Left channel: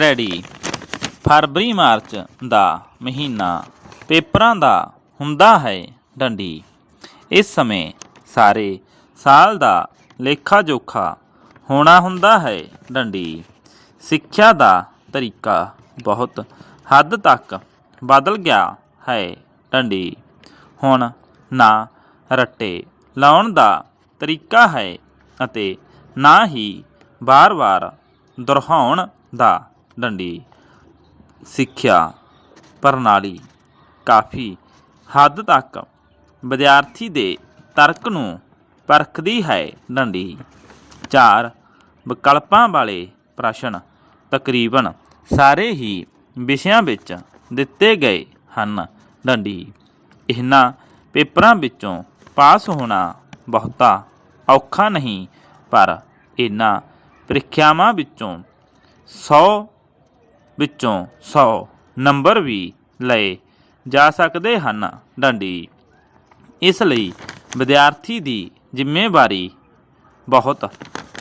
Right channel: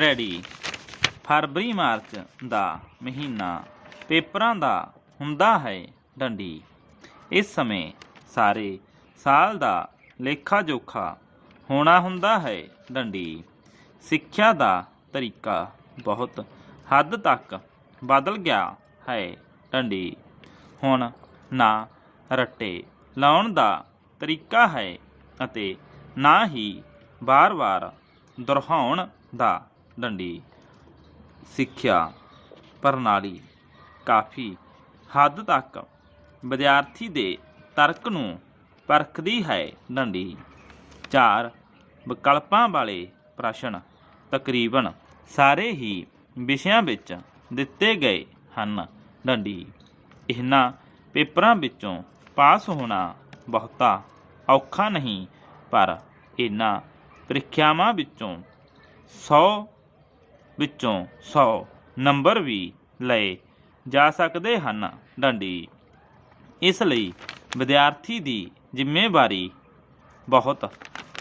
Ready. ਫਰਵਰੀ March ਦਾ ਮਹੀਨਾ ਪੇਪਰਾਂ ਦਾ ਹੁੰਦਾ ਹੈ ਡੰਡੀ। ਇਸ ਸਮੇਂ ਸਾਰੇ ਸਾਲ ਦਾ ਲੇਖਾ ਜੋਖਾ ਹੋਣਾ ਹੁੰਦਾ ਹੈ ਡੰਡੀ। ਸਿੱਖਿਆ ਦਾ ਤਰੀਕਾ ਬਹੁਤ ਹੱਦ ਤੱਕ ਬਦਲ ਗਿਆ ਹੈ ਡੰਡੀ। ਹੁਣ ਨਾ ਰੱਟੇ ਲਾਉਣ ਦਾ ਤਰੀਕਾ ਹੈ ਅਤੇ ਨਾ ਹੀ ਵਾਰ-ਵਾਰ ਦੁਹਰਾਉਣ ਦਾ ਡੰਡੀ, ਸਿੱਖਿਆ, ਪ੍ਰਣਾਲੀ ਕਾਫੀ ਹੱਦ ਤੱਕ ਵਿਦਿਆਰਥੀ ਦੇ ਤਰਕ ਨੂੰ ਪਰਖਦੀ ਹੈ ਡੰਡੀ। ਚਾਰ ਵਿਕਲਪਾਂ ਵਾਲੇ ਪ੍ਰਸ਼ਨ ਤਕਰੀਬਨ ਸਾਰੇ ਹੀ ਵਿਸ਼ਿਆਂ ਵਿੱਚ ਦਿੱਤੇ ਗਏ ਹਨ ਡੰਡੀ। ਇਹਨਾਂ ਪੇਪਰਾਂ ਵਿੱਚੋਂ ਪਾਸ ਹੋਣਾ ਬਹੁਤਾ ਔਖਾ ਨਹੀਂ, ਪਰ ਇਹਨਾਂ ਪ੍ਰੀਖਿਆਵਾਂ ਵਿੱਚੋਂ 100 ਵਿੱਚੋਂ 100 ਨੰਬਰ ਵੀ ਲਏ ਜਾ ਸਕਦੇ ਹਨ। ਡੰਡੀ। ਇਸ ਲਈ ਵਿਦਿਆਰਥੀ ਦੀ ਜ਼ਿੰਮੇਵਾਰੀ ਬਹੁਤ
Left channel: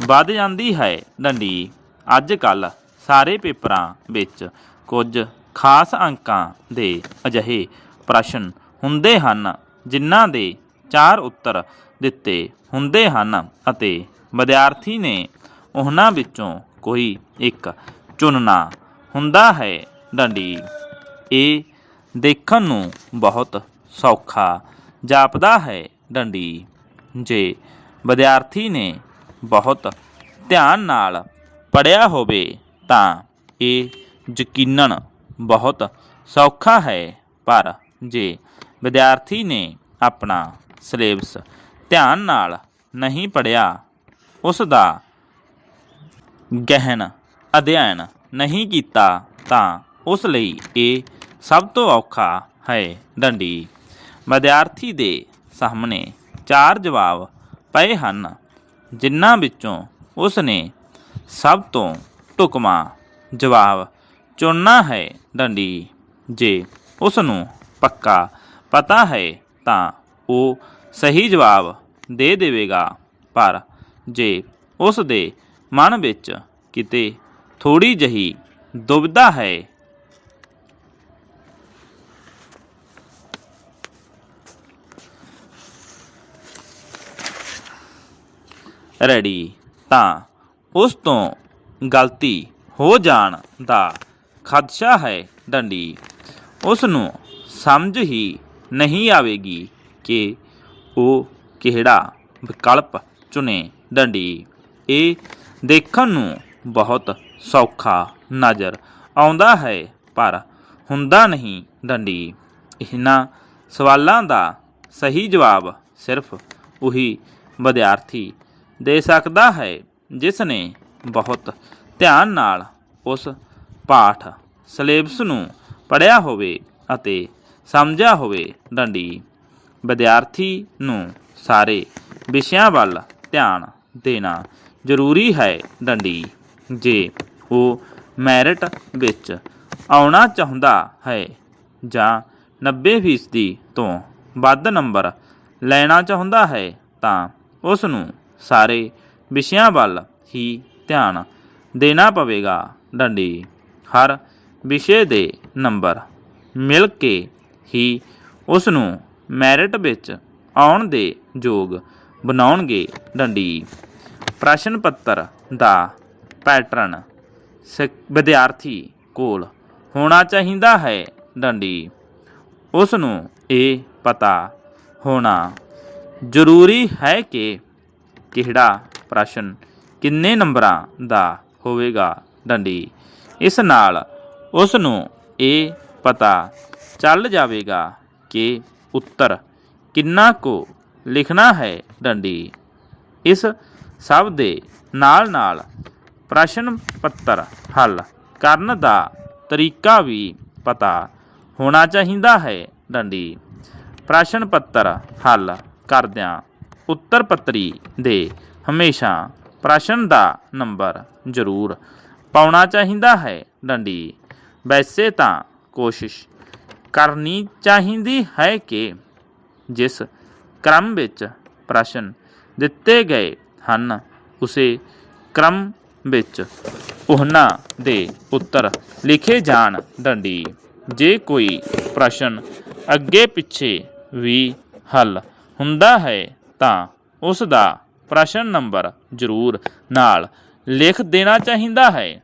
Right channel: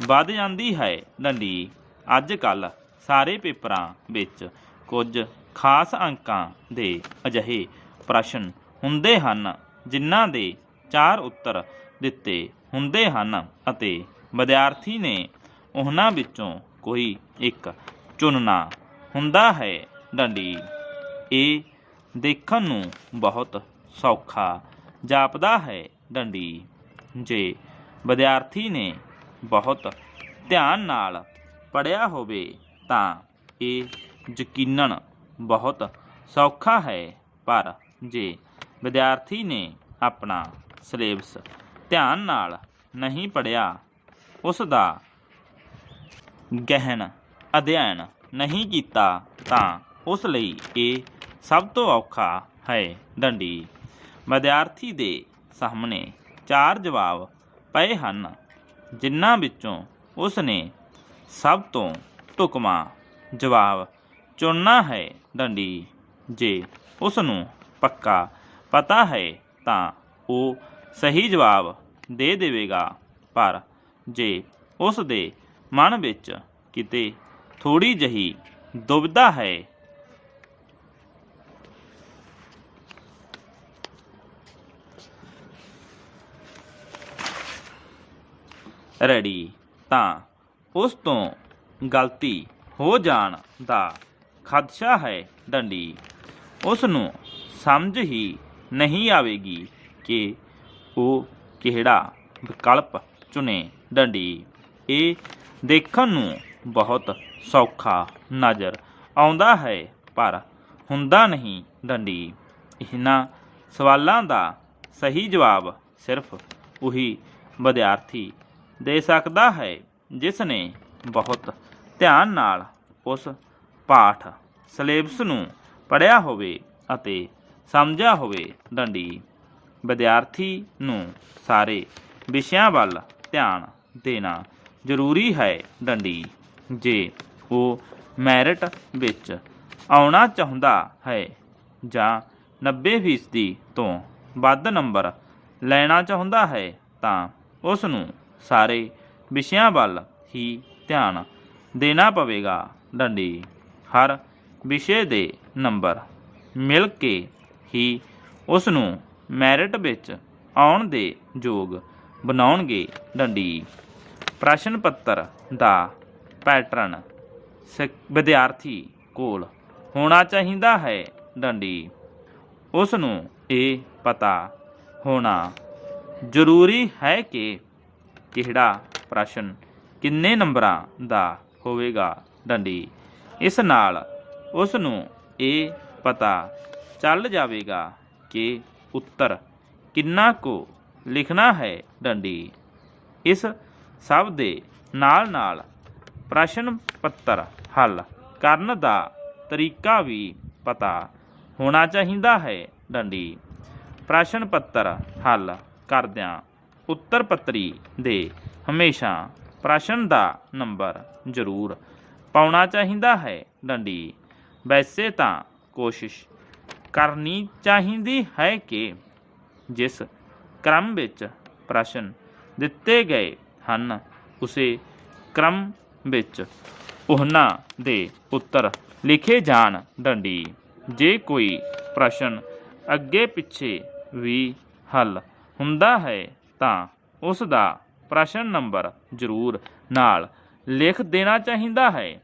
ਵੱਧ ਜਾਂਦੀ ਹੈ। ਡੰਡੀ। ਅੱਜ ਕੱਲ ਸਾਰੇ ਪੇਪਰਾਂ ਵਿੱਚ ਕੁਝ ਖਾਸ ਅੰਕਾਂ ਦੇ ਅਜਿਹੇ ਪ੍ਰਸ਼ਨ ਹੁੰਦੇ ਹਨ, ਜਿਨ੍ਹਾਂ ਦੇ ਚਾਰ ਉੱਤਰ ਦਿੱਤੇ ਹੁੰਦੇ ਹਨ ਅਤੇ ਵਿਦਿਆਰਥੀ ਨੇ ਉਹਨਾਂ ਵਿੱਚੋਂ ਕੋਈ ਇੱਕ ਚੁਣਨਾ ਹੁੰਦਾ ਹੈ ਡੰਡੀ। ਇਹ ਦੇਖਣ ਨੂੰ ਬਹੁਤ ਸੌਖਾ ਜਾਪਦਾ ਹੈ ਡੰਡੀ। ਜੇ ਵਿਦਿਆਰਥੀ ਨੇ ਬਹੁਤ ਧਿਆਨ ਨਾਲ ਪੜਿਆ ਹੋਵੇ ਤਾਂ ਇਹ ਯਕੀਨਨ ਬਹੁਤ ਸੌਖਾ ਹੈ। ਪਰ ਜੇ ਵਿਦਿਆਰਥੀ ਨੇ ਆਪਣਾ ਸਿਲੇਬਸ ਧਿਆਨ ਨਾਲ ਨਹੀਂ ਪੜਿਆ ਉਸ ਦਾ ਗਹਿਨ ਅਧਿਐਨ ਨਹੀਂ ਕੀਤਾ ਤਾਂ ਉਸ ਲਈ ਇਹ ਸਭ ਤੋਂ ਔਖਾ ਹੈ ਡੰਡੀ। ਵਿਦਿਆਰਥੀ ਦੇ ਸਾਹਮਣੇ ਚਾਰ ਜਵਾਬ ਪਏ ਹਨ, ਜਿਨ੍ਹਾਂ ਵਿੱਚੋਂ ਉਸ ਨੇ ਸਭ ਤੋਂ ਢੁਕਵਾਂ ਜਵਾਬ ਚੁਣਨਾ ਹੈ ਡੰਡੀ। ਜੇ ਉਸ ਨੂੰ ਪੱਕਾ ਪਤਾ ਹੈ ਤਾਂ ਉਹ ਸਹੀ ਜਵਾਬ ਦੇ ਦੇਵੇਗਾ, ਪਰ ਜੇ ਉਸ ਦੇ ਮਨ ਵਿੱਚ ਕਿਤੇ ਥੋੜੀ ਜਹੀ ਦੁਬਦਾ ਹੈ। ਰੈਡੀ, ਤਾਂ ਉਸ ਤੋਂ ਗਲਤੀ ਹੋ ਜਾਣ ਦਾ ਖਦਸ਼ਾ ਹੈ ਡੰਡੀ। ਉਸ ਨੂੰ ਸਮਝ ਹੀ ਨਹੀਂ ਆਵੇਗੀ ਕਿ ਉਹ ਕਿਹੜਾ ਵਿਕਲਪ ਚੁਣੇ। ਡੰਡੀ, ਇਹ ਦੇਖਣ ਨੂੰ ਬਹੁਤ ਸੌਖਾ ਨਜ਼ਰ ਆਉਂਦਾ ਹੈ, ਪਰ ਹੁੰਦਾ ਨਹੀਂ ਡੰਡੀ। ਇਹਨਾਂ ਸਵਾਲਾਂ ਦਾ ਸਹੀ ਜਵਾਬ ਸਿਰਫ ਉਹੀ ਵਿਦਿਆਰਥੀ ਦੇ ਸਕਦਾ ਹੈ, ਜਿਸ ਨੇ ਬਹੁਤ ਧਿਆਨ ਨਾਲ ਉਸ ਪਾਠ ਸਿਲੇਬਸ ਨੂੰ ਪੜ੍ਹਿਆ ਹੋਵੇ ਅਤੇ ਸਮਝਿਆ ਹੋਵੇ ਡੰਡੀ। ਵਿਦਿਆਰਥੀ ਨੂੰ ਸਾਰੇ ਵਿਸ਼ਿਆਂ ਵੱਲ ਧਿਆਨ ਦੇਣਾ ਜ਼ਰੂਰੀ ਹੈ ਡੰਡੀ। ਜੇ ਉਹ ਮੈਰਿਟ ਵਿੱਚ ਆਉਣਾ ਚਾਹੁੰਦਾ ਹੈ ਜਾਂ 90% ਤੋਂ ਵੱਧ ਨੰਬਰ ਲੈਣਾ ਚਾਹੁੰਦਾ ਹੈ, ਤਾਂ ਉਸ ਨੂੰ ਸਾਰੇ ਵਿਸ਼ਿਆਂ ਵੱਲ ਹੀ ਧਿਆਨ ਦੇਣਾ ਪਵੇਗਾ। ਡੰਡੀ, ਹਰ ਵਿਸ਼ੇ ਦੇ ਨੰਬਰ ਮਿਲ ਕੇ ਹੀ ਉਸ ਨੂੰ ਮੈਰਿਟ ਵਿੱਚ ਆਉਣ ਦੇ ਯੋਗ ਬਣਾਉਣਗੇ। ਡੰਡੀ, ਪ੍ਰਸ਼ਨ ਪੱਤਰ ਦਾ ਪੈਟਰਨ ਸਿ- ਵਿਦਿਆਰਥੀ ਕੋਲ ਹੋਣਾ ਚਾਹੀਦਾ ਹੈ ਡੰਡੀ ਉਸ ਨੂੰ ਇਹ ਪਤਾ ਹੋਣਾ ਜ਼ਰੂਰੀ ਹੈ ਕਿ ਕਿਹੜਾ ਪ੍ਰਸ਼ਨ ਕਿੰਨੇ ਨੰਬਰਾਂ ਦਾ ਹੋਵੇਗਾ ਡੰਡੀ ਇਸ ਨਾਲ ਉਸ ਨੂੰ ਇਹ ਪਤਾ ਚੱਲ ਜਾਵੇਗਾ ਕਿ ਉੱਤਰ ਕਿੰਨਾ ਕੁ ਲਿਖਣਾ ਹੈ ਡੰਡੀ ਇਸ ਸਭ ਦੇ ਨਾਲ ਨਾਲ ਪ੍ਰਸ਼ਨ ਪੱਤਰ ਹੱਲ ਕਰਨ ਦਾ ਤਰੀਕਾ ਵੀ ਪਤਾ ਹੋਣਾ ਚਾਹੀਦਾ ਹੈ। ਡੰਡੀ। ਪ੍ਰਸ਼ਨ ਪੱਤਰ ਹੱਲ ਕਰਦਿਆਂ ਉੱਤਰ ਪੱਤਰੀ ਦੇ ਹਮੇਸ਼ਾ ਪ੍ਰਸ਼ਨ ਦਾ ਨੰਬਰ ਜ਼ਰੂਰ ਪਾਉਣਾ ਚਾਹੀਦਾ ਹੈ। ਡੰਡੀ। ਵੈਸੇ ਤਾਂ ਕੋਸ਼ਿਸ਼ ਕਰਨੀ ਚਾਹੀਦੀ ਹੈ ਕਿ ਜਿਸ ਕ੍ਰਮ ਵਿੱਚ ਪ੍ਰਸ਼ਨ ਦਿੱਤੇ ਗਏ ਹਨ, ਉਸੇ ਕ੍ਰਮ ਵਿੱਚ। ਉਹਨਾਂ ਦੇ ਉੱਤਰ ਲਿਖੇ ਜਾਣ ਡੰਡੀ। ਜੇ ਕੋਈ ਪ੍ਰਸ਼ਨ ਅੱਗੇ ਪਿੱਛੇ ਵੀ ਹੱਲ ਹੁੰਦਾ ਹੈ ਤਾਂ ਉਸ ਦਾ ਪ੍ਰਸ਼ਨ ਨੰਬਰ ਜ਼ਰੂਰ ਨਾਲ ਲਿਖ ਦੇਣਾ ਚਾਹੀਦਾ ਹੈ।